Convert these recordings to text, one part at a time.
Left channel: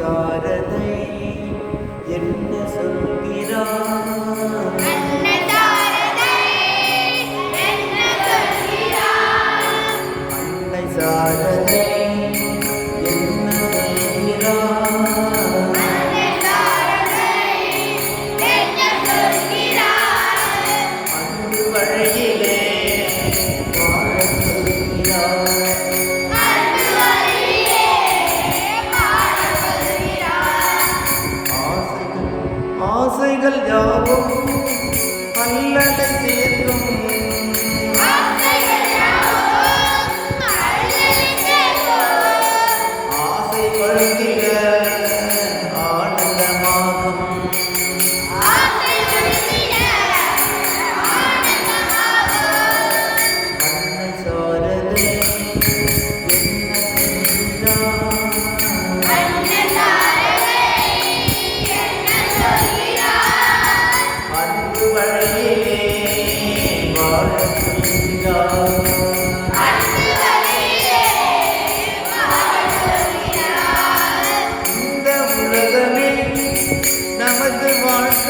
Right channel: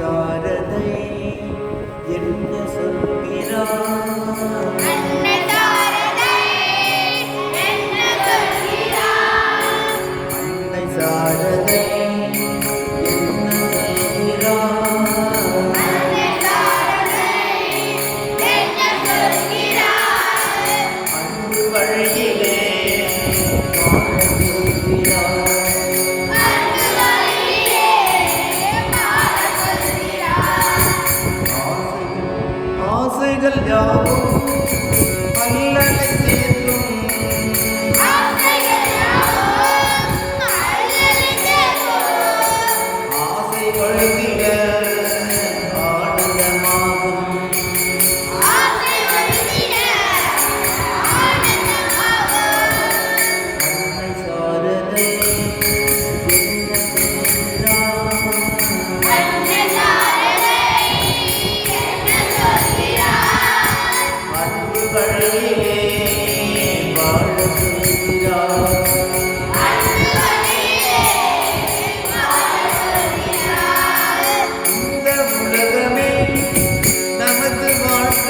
சாரதை என்ன சொல்கிறார்? அன்னை சாரதை என்ன சொல்கிறார்? அன்பு வழியிலே ஆசைகள் யாவும் அல்லலை தீர்க்கும்.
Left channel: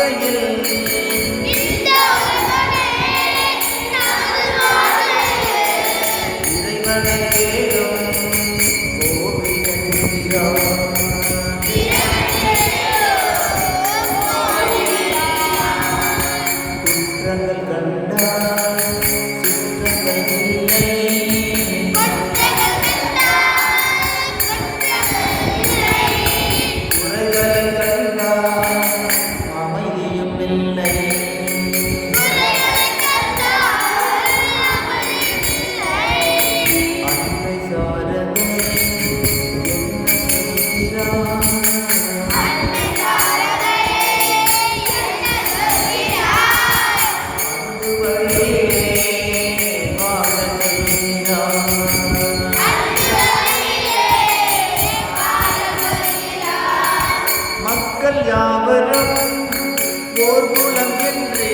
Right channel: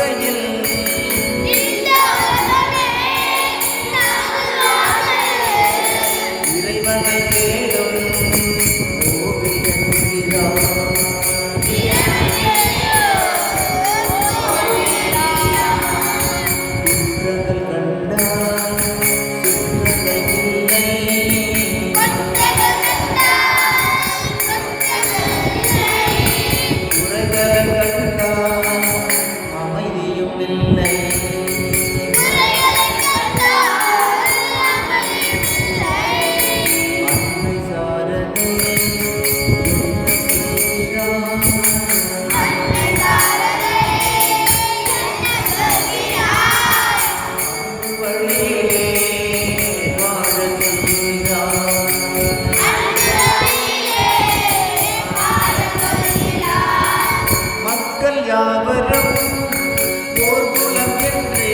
வாழ்க்கையில் மக்கள் யாவரும் ஓர் குலம் என்று